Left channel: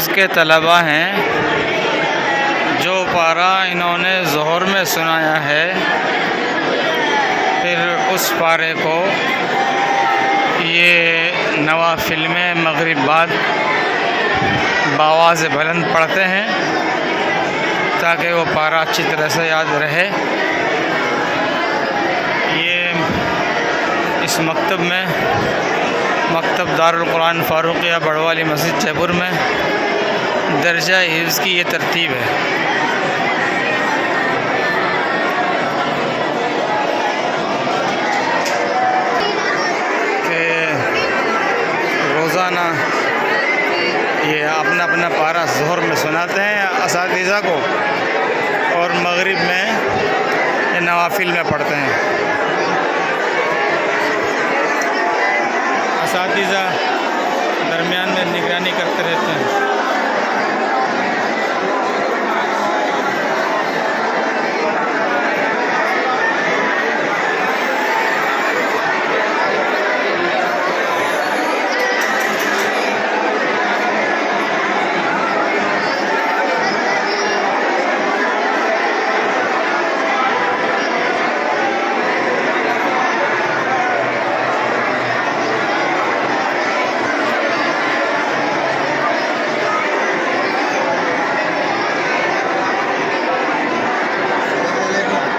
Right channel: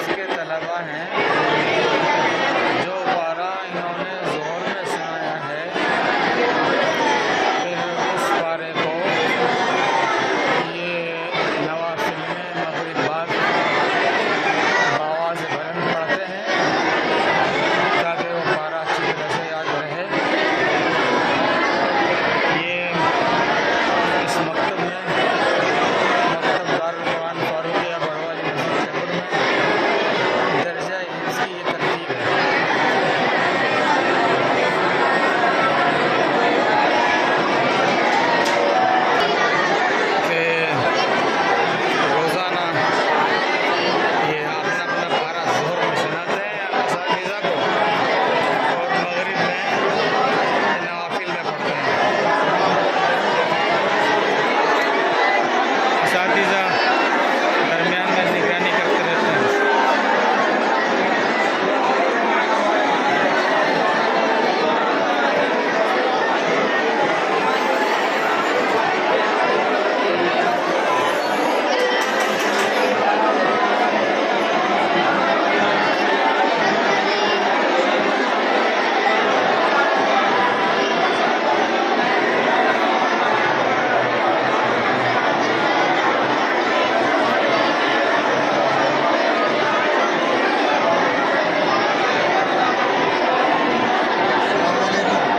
हिफ्ज़ के तलबा हैं, जो पारा इन्होंने ज़ोहर में सुनाया है, फिर उस पारे को ये नवाफिल में मगरिब बाद बावाज़ बुलंद पढ़ते हैं ताकि वो पारा अच्छी तरह से याद रहे। ये इस मकतब में, मकतब दारुल कुरान फारूकिया बड़वाली मस्जिद जयपुर में दर्जा हिफ्ज़ की ये तरतीब है।